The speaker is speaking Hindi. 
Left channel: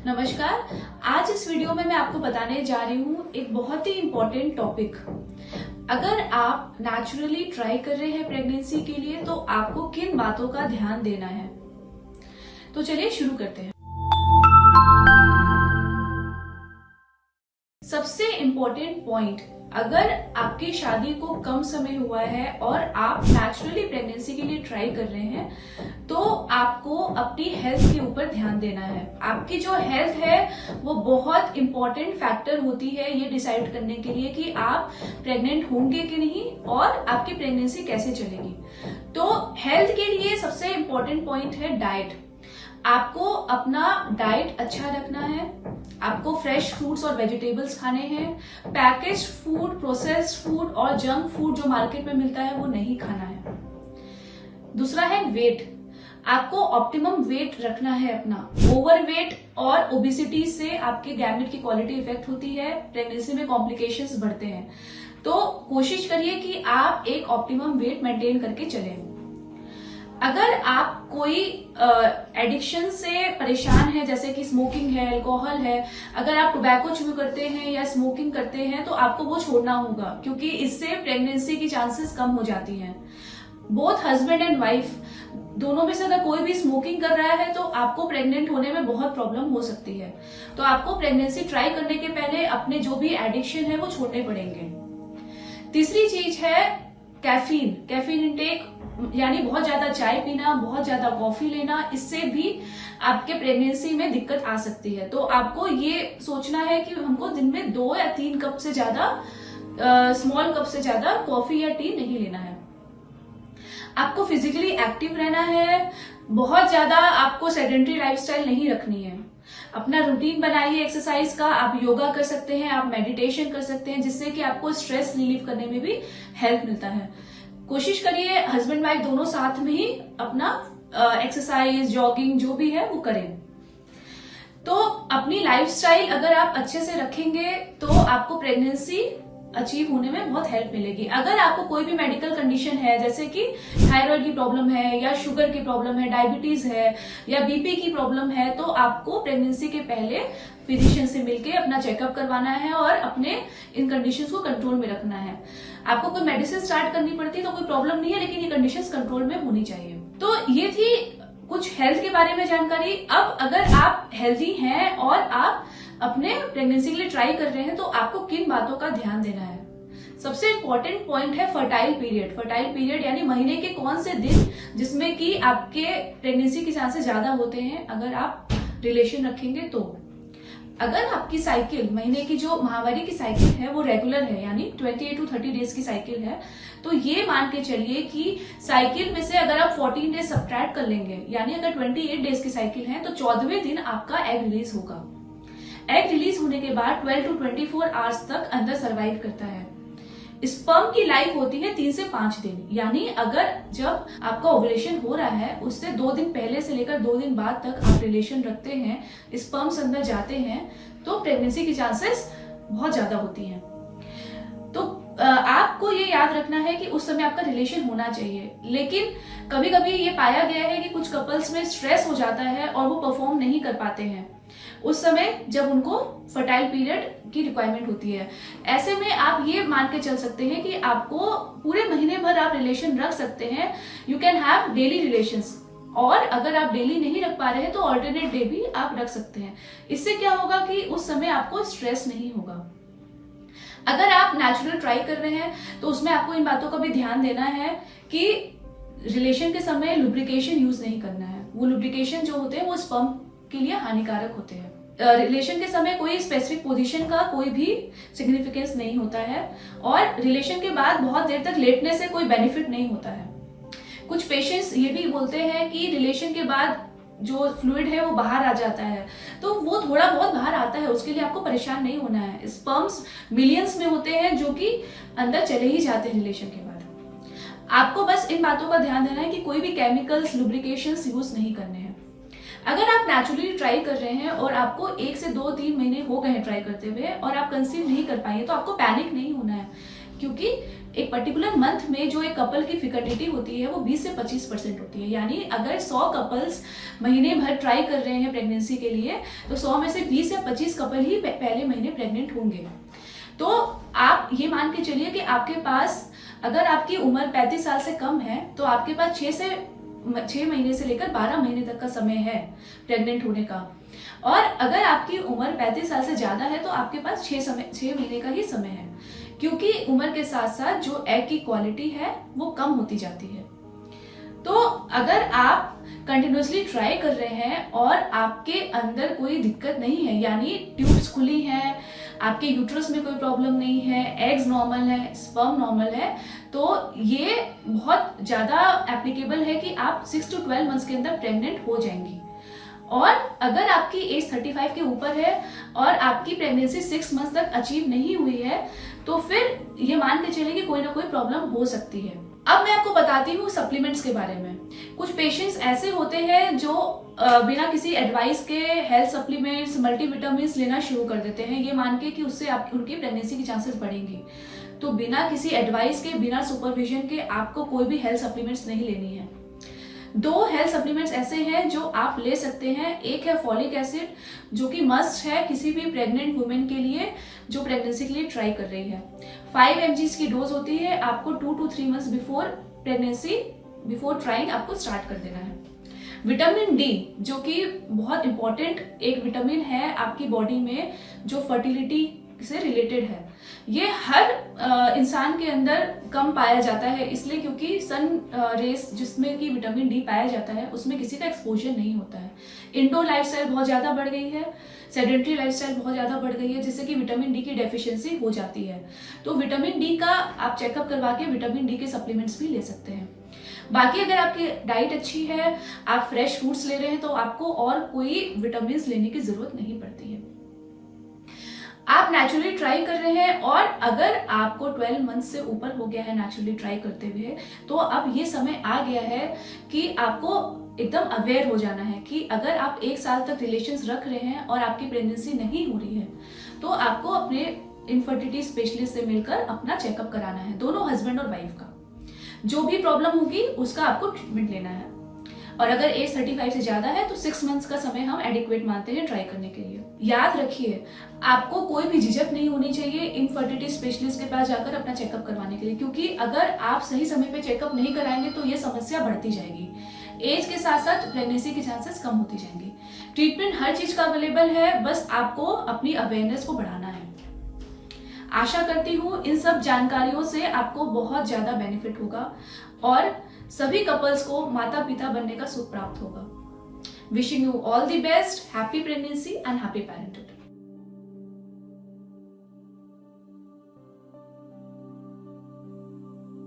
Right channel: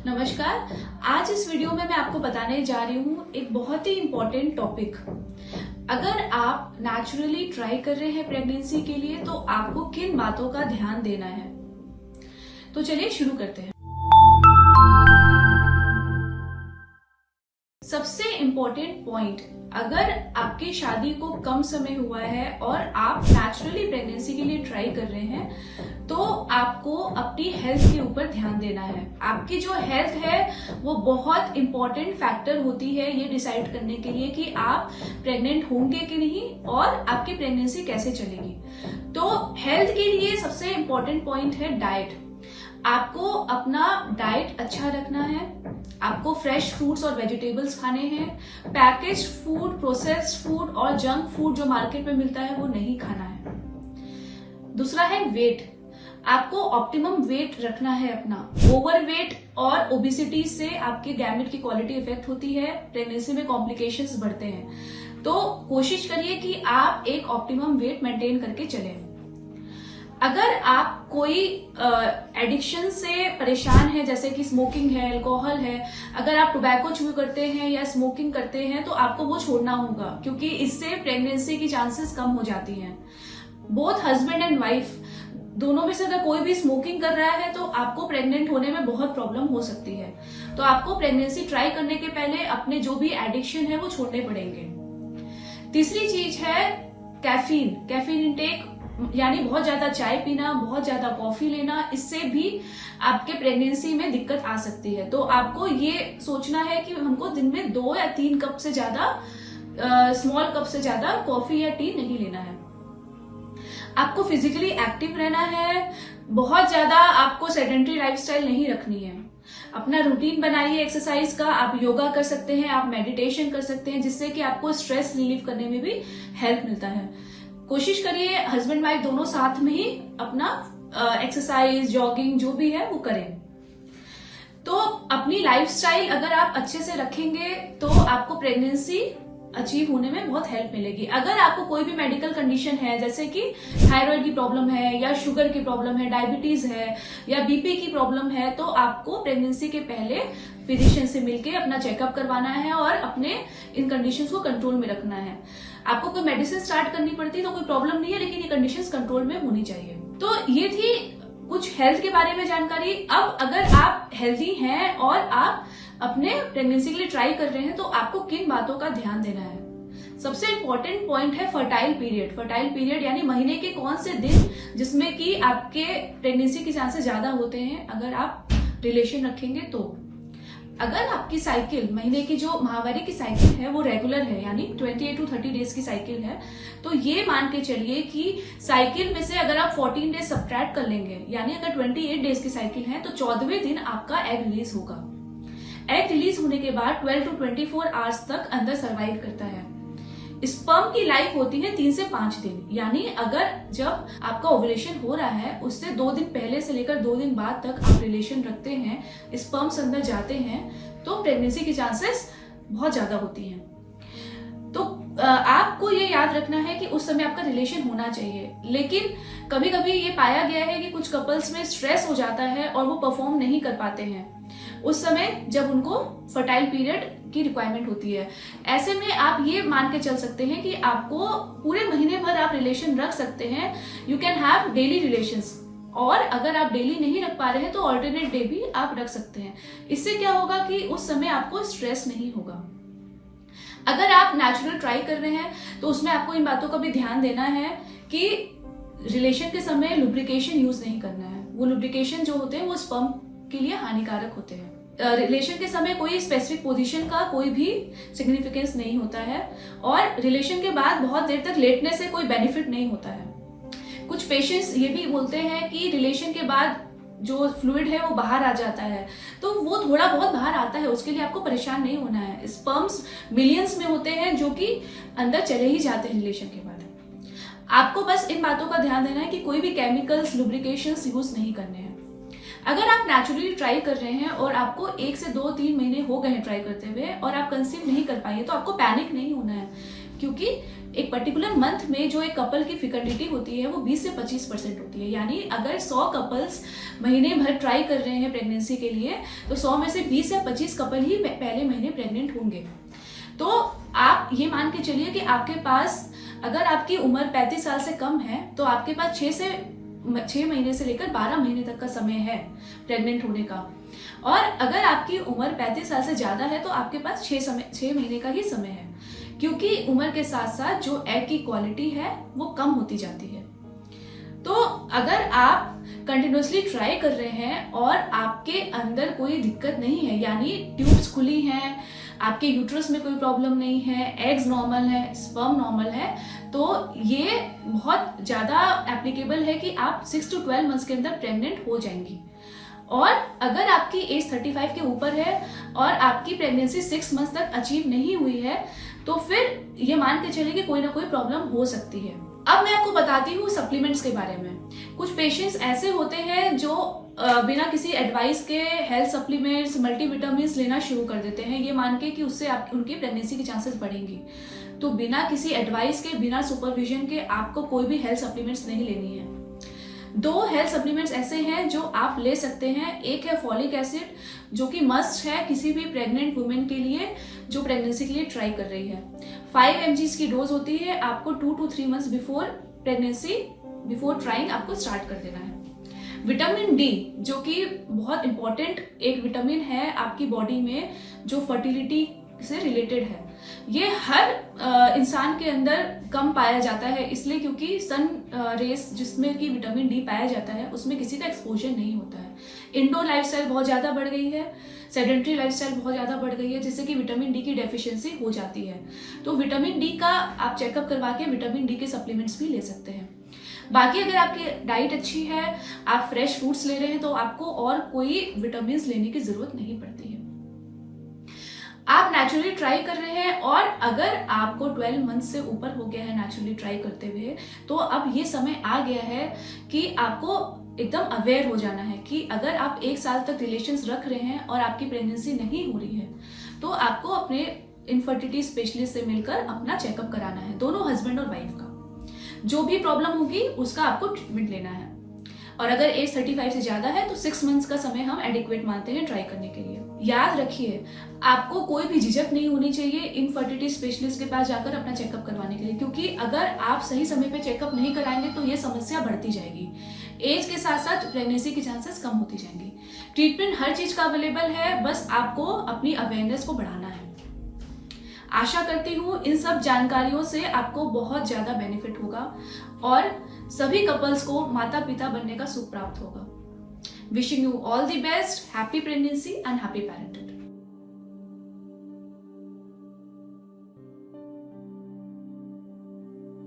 नमस्कार। आज इस वीडियो में मैं आपको बताने जा रही हूँ एक बहुत ही इम्पोर्टेंट टॉपिक। अगर आप नेचुरली ट्राई कर रहे हैं प्रेगनेंसी के लिए तो आपको किन बातों का ध्यान देना है। तो चलिए शुरू करते हैं। सबसे इम्पोर्टेंट पॉइंट, अगर आपकी शादी को कम समय हुआ है और आप नेचुरली प्रेगनेंसी के लिए ट्राई कर रहे हैं तो आपको अपनी हेल्थ के ऊपर ध्यान देना है। आपकी जो हेल्थ है वो बहुत इम्पोर्टेंट फैक्टर होती है ये डिसाइड करने के लिए कि आप प्रेग्नेंट होंगे कि नहीं और आपकी प्रेगनेंसी कैसे चलेगी। तो हेल्थ के लिए सबसे इम्पोर्टेंट पॉइंट है डाइट। आपको अपना डाइट अच्छा रखना है, आपको फ्रेश फ्रूट्स और वेजिटेबल्स खाने हैं, पैकेज्ड फूड, प्रोसेस्ड फूड और जंक फूड जो मार्केट में मिलता है वो नहीं खाना है। दूसरा है वेट, आपको ऑप्टिमम वेट रखना है अपना। ओवरवेट और ओबेसिटी से आपके गैमेट की क्वालिटी इफेक्ट होती है, प्रेगनेंसी में कॉम्प्लिकेशंस बढ़ते हैं। तो कोशिश करिए कि आप एक ऑप्टिमम वेट मेंटेन करके चलें। अगर आप कोई एडिक्शन से परेशान है, जैसे कि स्मोकिंग है, अल्कोहल है, अगर आप टोबैको च्यू करते हैं या स्मोकिंग करते हैं तो आपको वो छोड़ना होगा, क्योंकि इससे प्रेगनेंसी की चांसेस कम हो जाती हैं। बोथ हस्बैंड एंड वाइफ दोनों में से अगर कोई भी स्मोकिंग कर रहा है तो आपको प्रेग्नेंट होने में बहुत प्रॉब्लम हो सकती है। तो आपको प्रेगनेंसी ट्राई करने के पहले अपने जो भी एडिक्शन है वो छोड़ने पड़ेंगे। तीसरी चीज है कैफीन इंटेक, यानी बहुत ज्यादा चाय पीना, बहुत ज्यादा कॉफी लेना, इससे भी आपके प्रेगनेंसी में दिक्कत आ सकती है। तो आपको ये सोचना है कि हमको दिन में 2 या 3 कप से ज्यादा, स्मॉल कप से ज्यादा कॉफी या टी नहीं लेना है। आपको फिजिकली एक्टिव रहना है, बहुत ज्यादा आपको सेडेंटरी लाइफस्टाइल नहीं रखनी है। अपना रूटीन बनाइए एक्सरसाइज का, आप योगा कर सकते हैं, आप मेडिटेशन कर सकते हैं, जिससे कि आपको स्ट्रेस रिलीव करने में भी हेल्प मिलता है। कोशिश करिए हस्बैंड वाइफ दोनों साथ में ही अपना एक्सरसाइज, जॉगिंग जो भी है वो करें। तो अपनी लाइफस्टाइल अगर आप अच्छे से रखेंगे तो आपको प्रेगनेंसी अचीव होने में बहुत हेल्प मिलेगी। अगर आपको कोई भी मेडिकल कंडीशन है, जैसे कि थायराइड की प्रॉब्लम है या शुगर की प्रॉब्लम है, डायबिटीज है या बीपी की प्रॉब्लम है, तो आपको प्रेगनेंसी के पहले फिजिशियन से मिलकर अपना चेकअप करवाना है और अपने इन कंडीशंस को कंट्रोल में रखना है। आपको कोई मेडिसिन स्टार्ट करनी पड़ती है तो कोई प्रॉब्लम नहीं है, लेकिन ये कंडीशंस कंट्रोल में होनी चाहिए। तो ये थी कुछ हेल्थ के बारे में जानकारी। अब अगर आप हेल्दी हैं और आप अपने प्रेगनेंसी के लिए ट्राई कर रहे हैं तो आपको किन बातों का ध्यान देना है। सबसे इंपॉर्टेंट पॉइंट है फर्टाइल पीरियड यानी महीने के कौन से दिन जिसमें कि आपके प्रेगनेंसी के चांसेस ज्यादा होते हैं अगर आप रिलेशन रखेंगे तो। अगर आपकी साइकिल, महीने की जो माहवारी की साइकिल है वो रेगुलर है, यानी 28 to 30 डेज की साइकिल है, तो ये मान के चलिए कि साइकिल में से अगर आप 14 डेज सब्ट्रैक्ट कर लेंगे, यानी अगर 28 डेज की साइकिल है तो 14वें दिन आपका एग रिलीज होगा। एग रिलीज होने के बाद 12 to 24 आवर्स तक अंदर सर्वाइव करता है। स्पर्म की लाइफ होती है 3 से 5 दिन, यानी अगर जब आपका ओवुलेशन हो रहा है उससे 2 दिन पहले से लेकर 2 दिन बाद तक आप रिलेशन रखते हैं, स्पर्म्स अंदर जाते हैं, तो प्रेगनेंसी की चांसेस बहुत ज्यादा होती हैं। तो आपको ये याद रखना है कि उस समय आपका रिलेशन होना चाहिए। लेकिन कभी कभी ये पाया गया है कि कुछ कपल्स में स्ट्रेस हो जाता है और वो परफॉर्म नहीं कर पाते हैं उस समय जब उनको फर्टाइल पीरियड की रिक्वायरमेंट होती है। ऐसे में आप ये मान के चल सकते हैं कि आपको पूरे महीने भर आप रिलेशन रख सकते हैं। You can have daily relations, और अगर आप डेली नहीं रख पा रहे हैं तो ऑल्टरनेट डे भी आप रख सकते हैं। इससे क्या होगा कि उस समय आपको स्ट्रेस नहीं होगा। अगर आप नेचुरल ट्राई कर रहे हैं तो उसमें आपको इन बातों का भी ध्यान देना है कि रिलेशन के समय लुब्रिकेशन यूज नहीं करना है। वो लुब्रिकेशन जो होते हैं वो स्पर्म के लिए हानिकारक होते हैं। रिलेशन के समय कोई स्पेसिफिक पोजीशन का कोई भी सिग्निफिकेंस नहीं होता है, और रिलेशन के बाद बहुत देर तक लेटने से कोई बेनिफिट नहीं होता है। कुछ पेशेंट्स ये भी बोलते हैं कि रिलेशन के बाद जो फ्लूइड है वो बाहर आ जाता है, तो वो थोड़ा बहुत बाहर आता है, उसके लिए आपको परेशान नहीं होना है। स्पर्म्स मिलियंस में होते हैं जो कि अंदर चले ही जाते हैं रिलेशन के बाद। आपको बस इन बातों का ध्यान देना है कि कोई भी केमिकल्स, लुब्रिकेशंस यूज नहीं करने हैं। अगर आप नेचुरली ट्राई कर रहे हैं और आपको 1 से 2-3 महीने हो गए हैं ट्राई करते हुए और आप कंसीव नहीं कर पाए तो आपको पैनिक नहीं होना है, क्योंकि एक पर्टिकुलर मंथ में जो एक कपल की फिकर्डिटी होती है वो 20 से 25% होती है। यानी अगर 100 कपल्स महीने भर ट्राई कर रहे हैं प्रेगनेंसी के लिए, तो 100 में से 20 या 25 कपल ही पहले महीने प्रेग्नेंट होंगे। तो आप ये मान के चलिए कि आपके पास, अगर आपकी उम्र 35 साल से कम है, तो आपके पास 6 महीने से लेकर 12 महीने तक का समय है प्रेग्नेंट होने का। और अगर आपकी उम्र 35 साल से ज्यादा है तो आपके पास 6 महीने का ही समय है, क्योंकि उम्र के साथ साथ जो एग की क्वालिटी है वो कम होती जाती है। तो अगर आप कंटिन्यूसली ट्राई कर रहे हैं और आपके अंदर कोई दिक्कत नहीं है, यानी ट्यूब्स खुली हैं, आपके यूट्रस में कोई प्रॉब्लम नहीं है, एग्स नॉर्मल है, स्पर्म नॉर्मल है, तो ये बहुत ज्यादा एप्लीकेबल है कि आप 6 to 12 मंथ्स के अंदर प्रेग्नेंट हो जाएंगी। और अगर आपकी एज 35 के ऊपर है और आपकी प्रेगनेंसी 6 मंथ्स तक अचीव नहीं हुई है, तो फिर ये मान के चलिए कि कोई ना कोई प्रॉब्लम हो सकती है। अब मैं आपको बताती हूँ सप्लीमेंट्स के बारे में। कुछ पेशेंट्स ऐसे होते हैं जो बिना किसी एडवाइस के हेल्थ सप्लीमेंट्स, मल्टीविटामिन्स लेना शुरू कर देते हैं, ये मान के कि उससे उनकी प्रेगनेंसी की चांसेस बढ़ेंगी। तो बिना किसी एडवाइस के, बिना सुपरविजन के आपको कोई भी हेल्थ सप्लीमेंट्स नहीं लेनी है। 2 हेल्थ सप्लीमेंट्स ऐसे हैं जो आप ले सकते हैं। एक है फॉलिक एसिड, जो कि मस्ट है किसी भी प्रेग्नेंट वुमेन के लिए जो प्रेगनेंसी के लिए ट्राई कर रही है। 5 mg की डोज होती है। आपको 2 to 3 months before pregnancy, before trying आपको स्टार्ट कर देना है। विटामिन डी, जो कि बहुत इंपॉर्टेंट एक विटामिन है आपकी बॉडी में, जो फर्टिलिटी से रिलेटेड है। ये हर इंसान के अंदर कम पाया जाता है, इसलिए क्योंकि सन रेस जिसमें कि विटामिन डी पाया जाता है उसमें किसी का एक्सपोजर नहीं होता है। इंडोर लाइफस्टाइल बहुत ज्यादा बढ़ गई है, सेडेंट्री लाइफस्टाइल बहुत ज्यादा बढ़ गई है, जिससे कि विटामिन डी की डेफिशिएंसी हो जाती है। तो विटामिन डी का आप चेकअप करवा के विटामिन डी के सप्लीमेंट्स भी ले सकते हैं। बाकी अगर आपकी डाइट अच्छी है, आप फ्रेश फ्रूट्स ले रहे हैं, तो आपको और कोई विटामिन लेने की जरूरत नहीं पड़ती है। आप नेचुरली ट्राई कर रहे हैं और अगर आपको 12 मंथ से ऊपर हो गया है नेचुरली ट्राई करते हुए, तो अब ये समय आ गया है कि आपको एकदम अवेयर हो जाना है कि अगर आप 1 साल तक रिलेशंस रख रहे हैं और आपकी प्रेगनेंसी नहीं हो रही है, तो आपको अपने इनफर्टिलिटी स्पेशलिस्ट से मिलकर अपना चेकअप कराना है। दोनों हस्बैंड और वाइफ का जो भी प्रॉब्लम होगी उसका आपको ट्रीटमेंट लेना है। और अगर एज 35 से ज्यादा है तो 6 मंथ्स का समय हम एडिक्वेट मानते हैं ट्राई करने के लिए। याद रखिए, आपको कोई भी झिझक नहीं होनी चाहिए इनफर्टिलिटी स्पेशलिस्ट के पास जाकर अपना चेकअप करवाने के लिए, क्योंकि अगर आप सही समय पे चेकअप नहीं कराएंगे तो ये समस्या बढ़ती जाएगी। एज के साथ साथ प्रेगनेंसी की चांसेस कम होती जाएंगी। ट्रीटमेंट हर चीज का अवेलेबल है, बस आपको अपनी अवेयरनेस को बढ़ाना है। आशा करती हूँ इन सब जानकारियों से आपको बहुत ज्यादा बेनिफिट होगा और सभी कपल्स को माता पिता बनने का सुख प्राप्त होगा। Wishing you all the best, happy pregnancy and happy parenthood.